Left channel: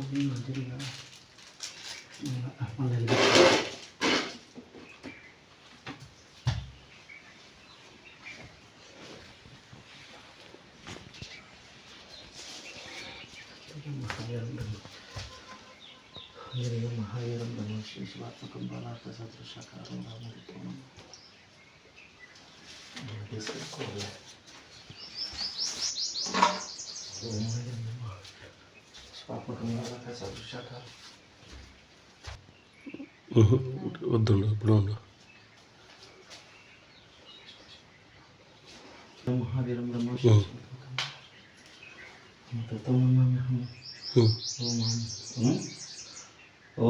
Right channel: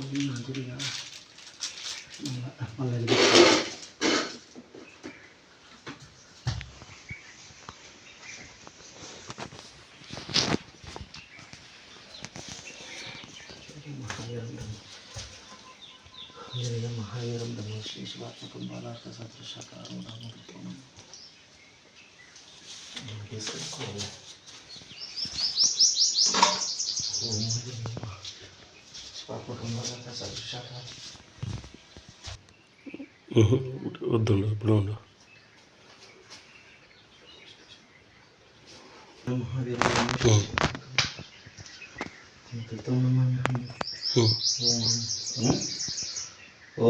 మంచిదిగా మళ్ళీ మహావీరం బ్రహ్మ శ్రీ శివాత్మకం బాలార్థ సదృశకారం రామవిక్రమం తీసుకోవాలి. శివాత్మకం బాలార్థ సదృశకారం వద్దు ఇప్పుడు మహావీరం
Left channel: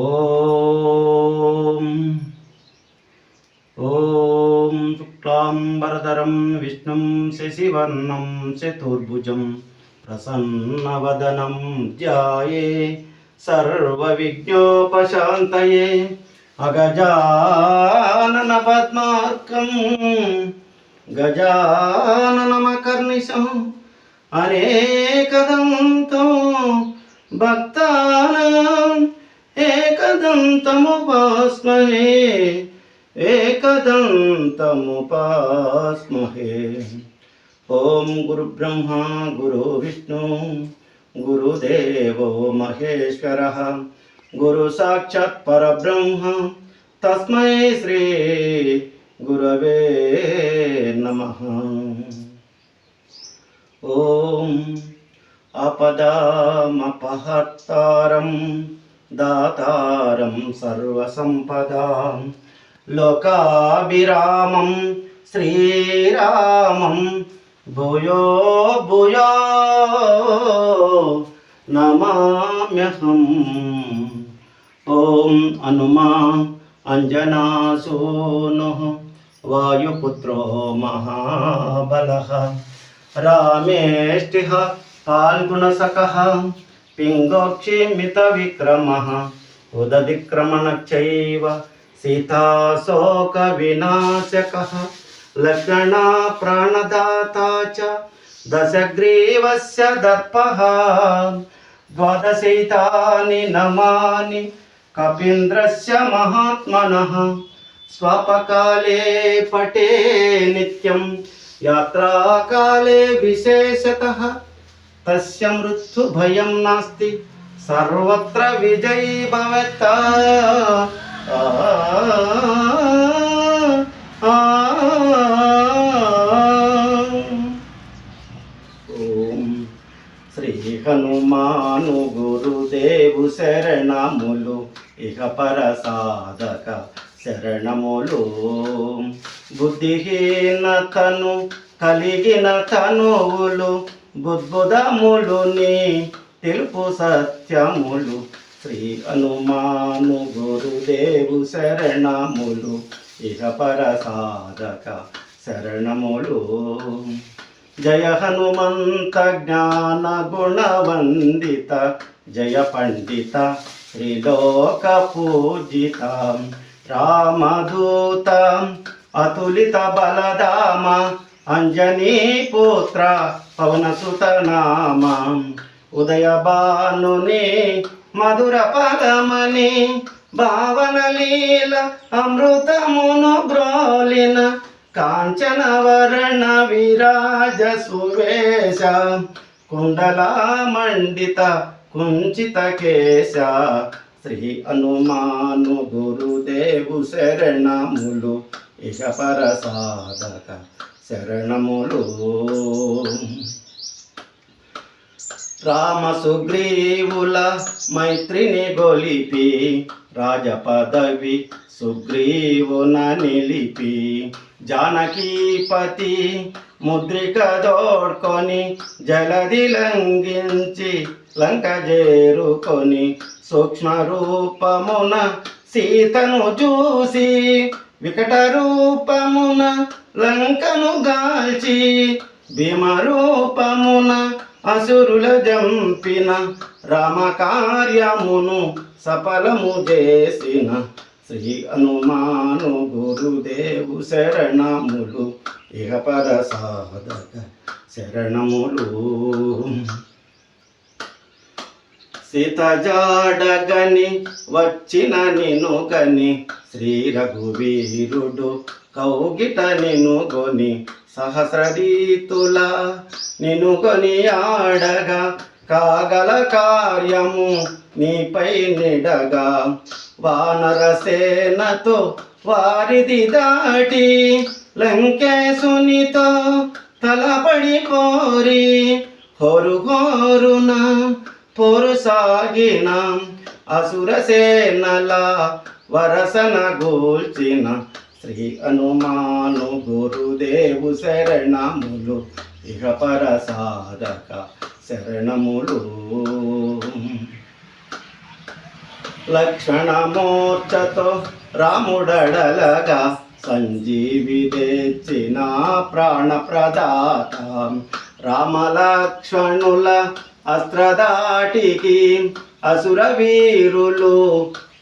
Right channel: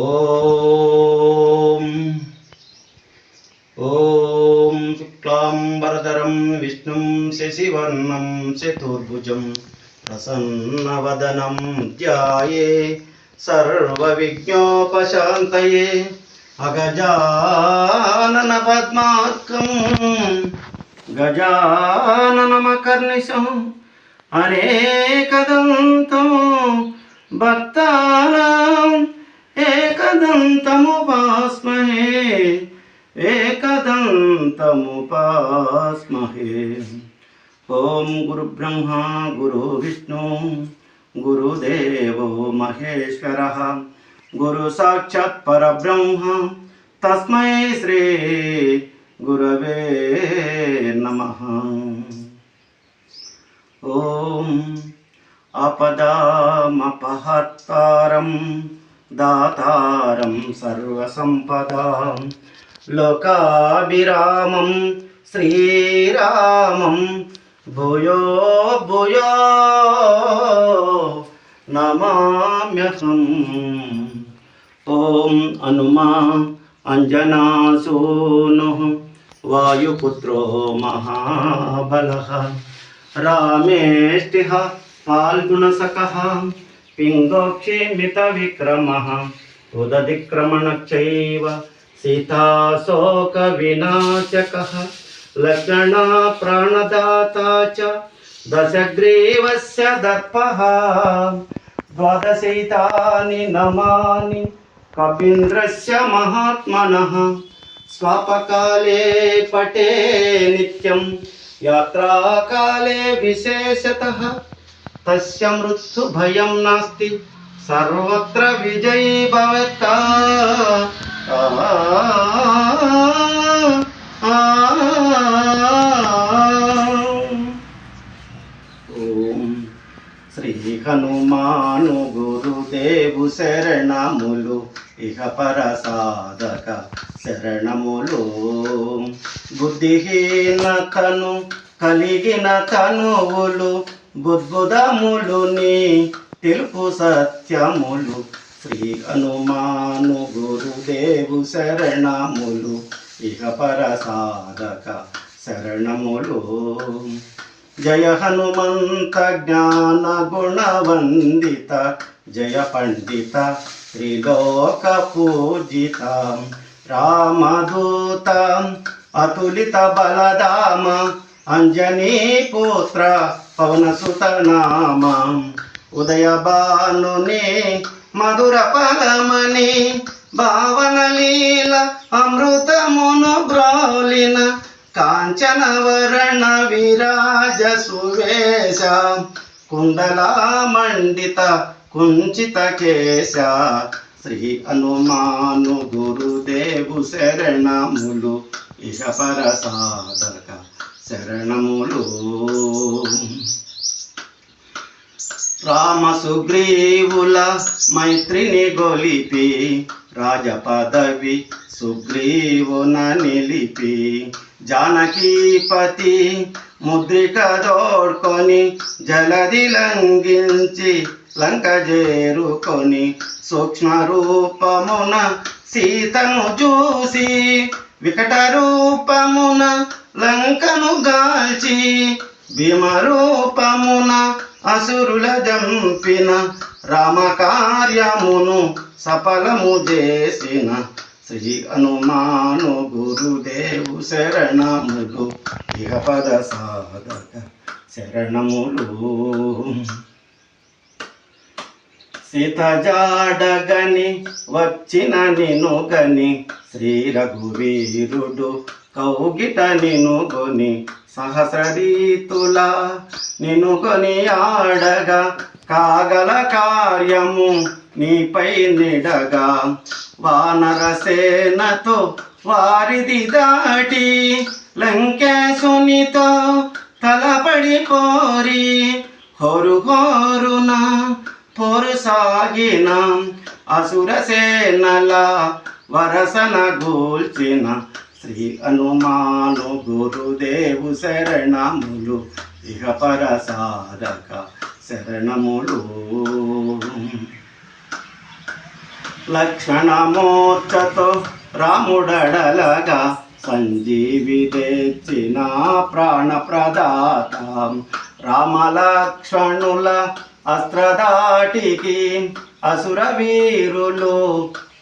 ఓం ఓం శుక్లాంబరధరం విష్ణుం శశివర్ణం చతుర్భుజం ప్రసన్నవదనం ధ్యాయే సర్వవిఘ్నోపశాంతయే అగజానన పద్మార్కం గజాననమకర్నిశం అనేకదంతం భక్తానాం ఏకదంతముపాస్మహే ఏకదంతముపాస్మహే. ఓం గురుబ్రహ్మ గురు విష్ణు గురుదేవో మహేశ్వరః గురు సాక్షాత్ పరబ్రహ్మ తస్మై శ్రీ గురవే నమః. ఓం ఆపదామపహర్తారం దాతారం సర్వసంపదాం లోకాభిరామం శ్రీరామం భూయో భూయో నమామ్యహం. ఓం హనుమా అంజనాసూనుః వాయుపుత్రో మహాబలః రామేష్టిః फाल्गुणसखः पिङ्गोक्षिमितविक्रमः उदधिक्रमणश्चैव सीताशोकविनाशकः लक्ष्मणा प्राणदाता च दशग्रीवस्य दर्पः द्वादशैतानि नमानि कपीन्द्रस्य महात्मनः स्वापकाले पठे नित्यं यात्राकाले विशेषतः तस्य मृत्यु भयं नास्ति सर्वत्र विजयी भवता. ఓం శ్రీ హనుమాను గురుదేవు శరణములు ఇహ పర సాధక శరణములు. బుద్ధిహీన తను కలిగిన తనువులు బుద్బుదములుని తెలుపు సత్యములు. శ్రీ హనుమాను గురుదేవు శరణములు ఇహ పర సాధక శరణములు. జయ హనుమంత జ్ఞాన గుణవందిత జయ పండిత త్రిలోక పూజిత రామదూత అతులిత బలధామ అంజనీ పుత్ర పవనసుత నామ ఉదయ భానుని మధుర పదమని భావన లీల అమృతమును బ్రోలిన కాంచన వర్ణ విరాజ సువేశ కుండలా మండిత కుంచిత కేశ. శ్రీ హనుమాను గురుదేవు శరణములు ఇహ పర సాధక శరణములు. రామ సుగ్రీవుల మైత్రిని గొలిపి రాజపదవి సుగ్రీవున నిలిపి జానకీపతి ముద్రిక దోడ్కొని జలది లంఘించి లంక చేరుకొని సూక్ష్మ రూపమున సీతను చూసి వికట రూపమున లంకను గాల్చి భీమ రూపమున అసురుల జంపిన రామ కార్యమును సఫలము చేసిన శ్రీ హనుమాను గురుదేవు శరణములు ఇహ పద సాధక శరణములు. సీత జాడగని వచ్చిన నిను గని శ్రీ రఘువీరుడు కౌగిట నిను గొని సహస్ర రీతుల నిను కొని ఆడగా కాగల కార్యము నీపై నిడగా వానర సేనతో వారిది దాటి లంకేశునితో తలపడి పోరి హోరు హోరున పోరు సాగిన అసుర సేనల వరసన గూల్చిన శ్రీ హనుమాను గురుదేవు శరణములు ఇహ పర సాధక శరణములు. లక్ష్మణమూర్ఛతో రాముడడలగా సంజీవి తెచ్చిన ప్రాణప్రదాత రామలక్ష్మణుల అస్త్రదాటికి అసుర వీరులు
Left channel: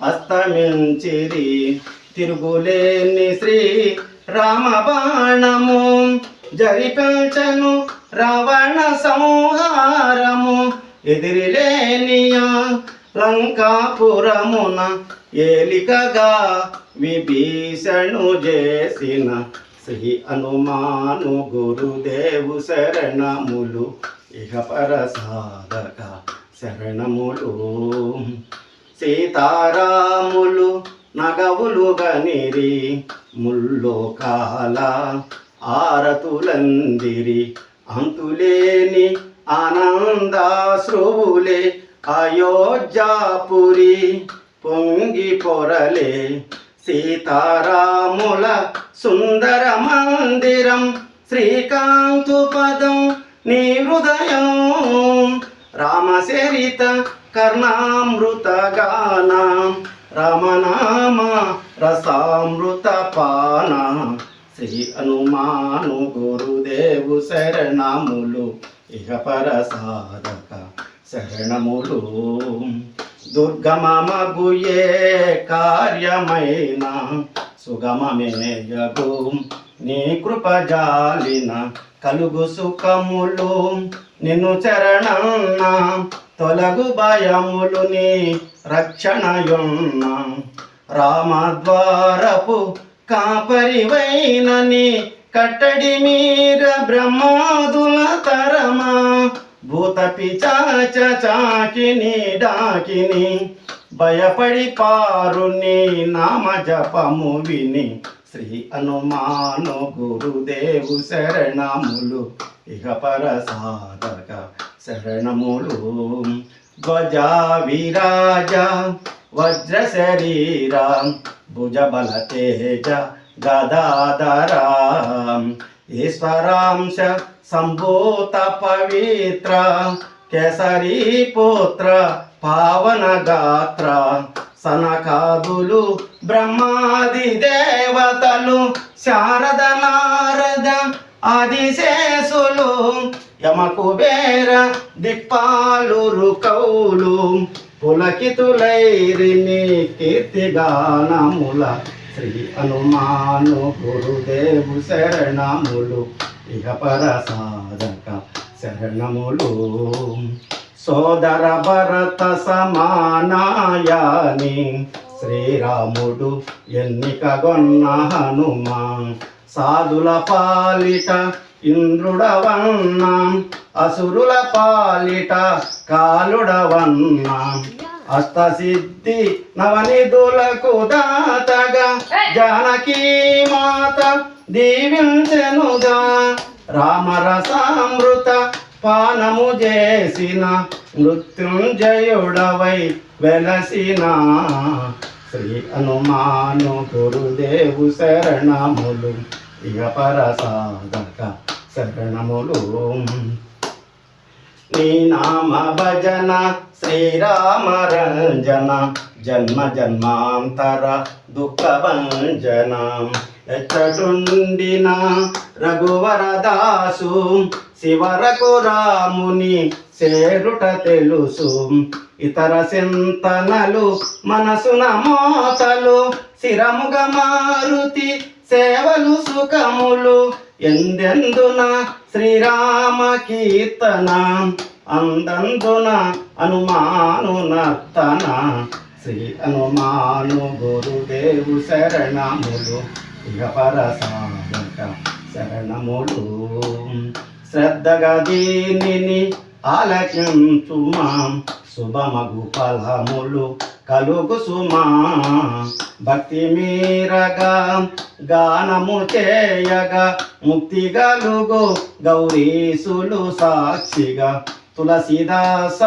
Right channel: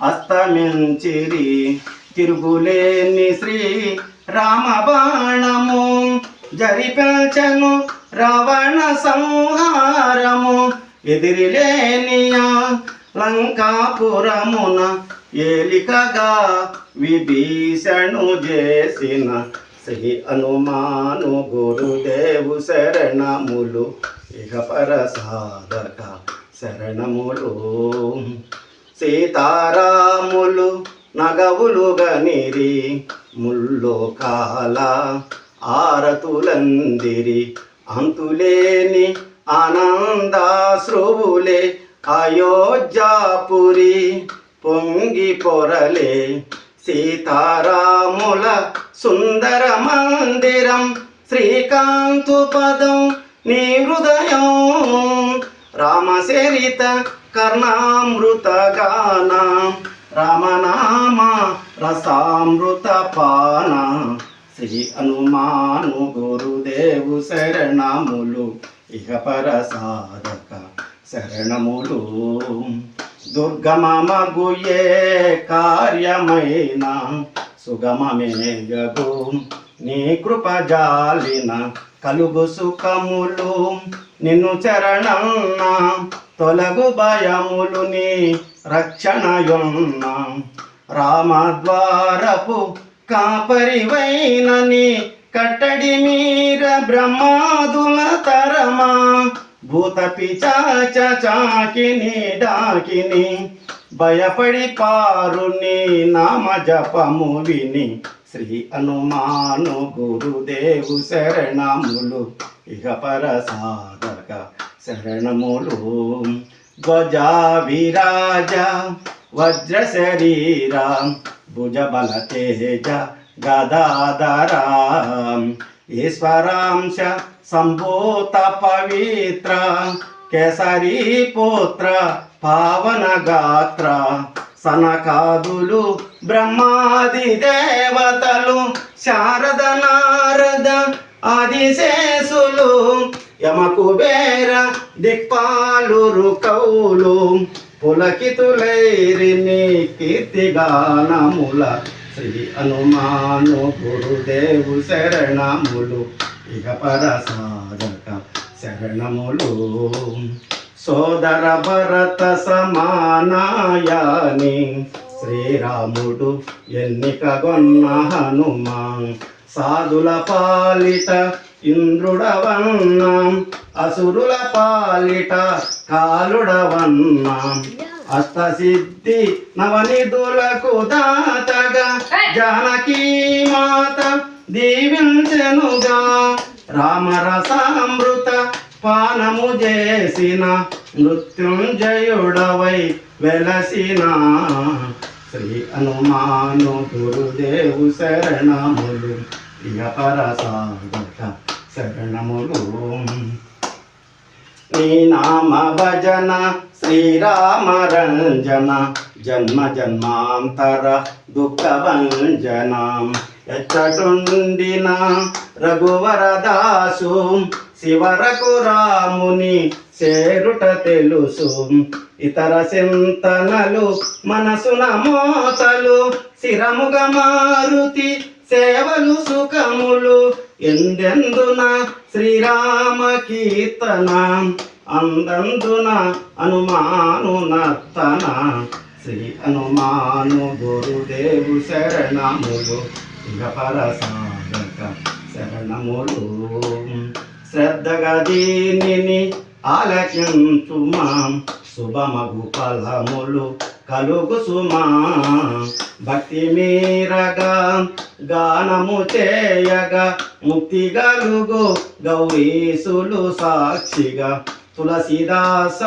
అస్తమించిరి తిరుగులేని శ్రీ రామ బాణము జరిపెల్చెను రావణ సంహారము ఎదిరిలేనియా లంకాపురమున ఏలికగా విభీషణు చేసిన శ్రీ హనుమాను గురుదేవు శరణములు ఇహ పర సాధక శరణములు. సీతారాములు నగవులు గనిరి ముల్లోకాల ఆరతులందిరి అంతులేని ఆనందాశ్రువులే అయోధ్యాపురి పొంగి పొరలే సీతారాముల సుందర మందిరం శ్రీకాంతు పదం నీ హృదయం రామచరిత కర్ణామృత గాన రామనామ రసామృత పాన శ్రీ హనుమాను గురుదేవు శరణములు ఇహ పర సాధక శరణములు. దుర్గమమగుయే కార్యమైన సుగమమేయగు నీ కృపజాలిన కలుగు సుఖములు నిన్ను చరణన్న తొలగు భయములు నీ రక్షణయున్న రామద్వారపు కాపరివైనని కట్టడి మీర బ్రహ్మాదుల తరమా భూత పిచాచ చాకిని డాకిని భయపడి పారుని నామ జపము విని శ్రీ హనుమాను గురుదేవు శరణములు ఇహ పర సాధక శరణములు. ధ్వజ విరాజ వజ్ర శరీర భుజబల తేజ గదాధర ఈశ్వరాంశ సంభూత పవిత్ర కేసరీ పుత్ర పావన గాత్ర సనకాదులు బ్రహ్మాది దేవతలు శారద నారద ఆదిశేషులు యమకుబేర దిక్పాలురు కౌలు పులకితులైరిని కీర్తిగానముల శ్రీ హనుమాను గురుదేవు శరణములు ఇహ పర సాధక శరణములు. సోదర భరత సమానాయాని శ్రీరాముడు ఎన్నికగొన్న హనుమా సాధుల పాలిట ఇంద్రుడవన్న అసురుల పాలిట కాలుడవన్న అష్టసిద్ధి నవనిధులకు దాతగా జానకీ మాత దీవించెనుగా రామరసామృత పానము చేసిన మృత్యుంజయుడవై వెలసిన శ్రీ హనుమాను గురుదేవు శరణములు ఇహ పర సాధక శరణములు. నీ నామ భజన శ్రీరామ రంజన జన్మ జన్మాంతర దుఃఖ భంజన ఎచ్చటుండిన రఘువరదాసు శివరకు రాముని చేరుట తెలుసు ఇతర చింతనలు మనసున మోతలు శిరముగ మారుతి సేవలు సుఖములు ఎందెందున శ్రీరామ కీర్తన అందందున హనుమాను నర్తన శ్రీ హనుమాను గురుదేవు శరణములు ఇహపర సాధక శరణములు. శ్రద్ధగా దీనిని ఆలకించుమా శుభమగు ఫలములు కలుగు సుమా. భక్తి మీరగా గానము చేయగా ముక్తి గలుగు గౌరీసులు సాక్షిగా. తులసీదాస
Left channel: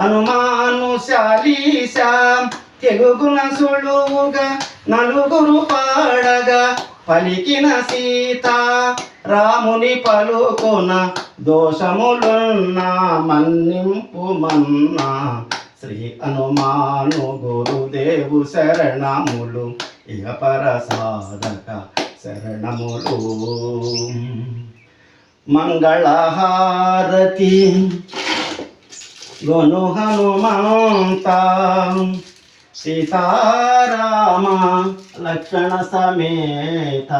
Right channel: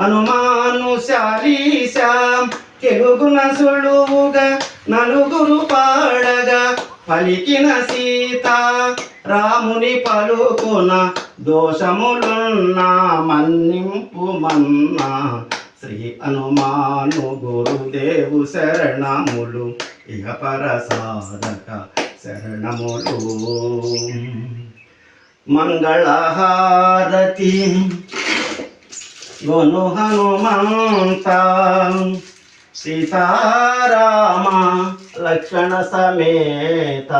హనుమాను శాలీశ తెలుగున సులువుగా నలుగురు పాడగా పలికిన సీత రాముని పలుకున దోషములున్న మన్నింపు మన్నా. శ్రీ హనుమాను గురుదేవు శరణములు ఇహపర సాధక శరణములు. మంగళహారతి గొను హనుమంత సీతారామ లక్ష్మణ సమేత.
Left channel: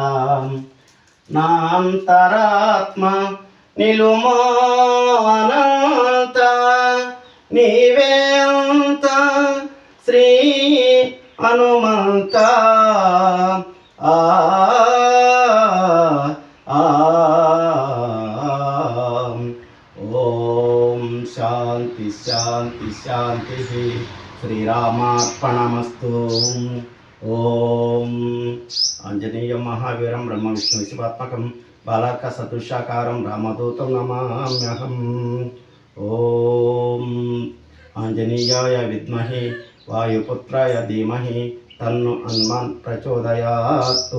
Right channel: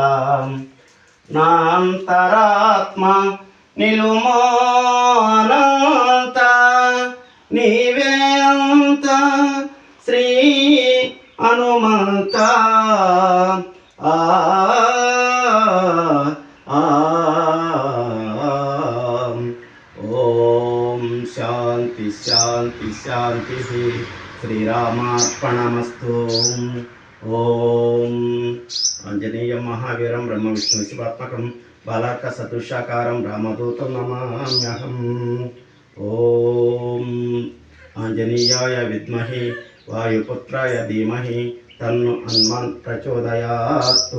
నాంతరాత్మ నిలుమోనంత నీవేంత శ్రీ హనుమంత. ఆ ఓం శాంతి శాంతి శాంతి. శ్రీరామార్పణమస్తు. ఓం ఆంజనేయం మహావీరం బ్రహ్మ విష్ణు శివాత్మకం బాలాక సదృశాకారం రామదూతం నమామ్యహం. ఓం ఆంజనేయాయ విద్మహే వాయుపుత్రాయ ధీమహి తన్ను హనుమాన్ ప్రచోదయాత్.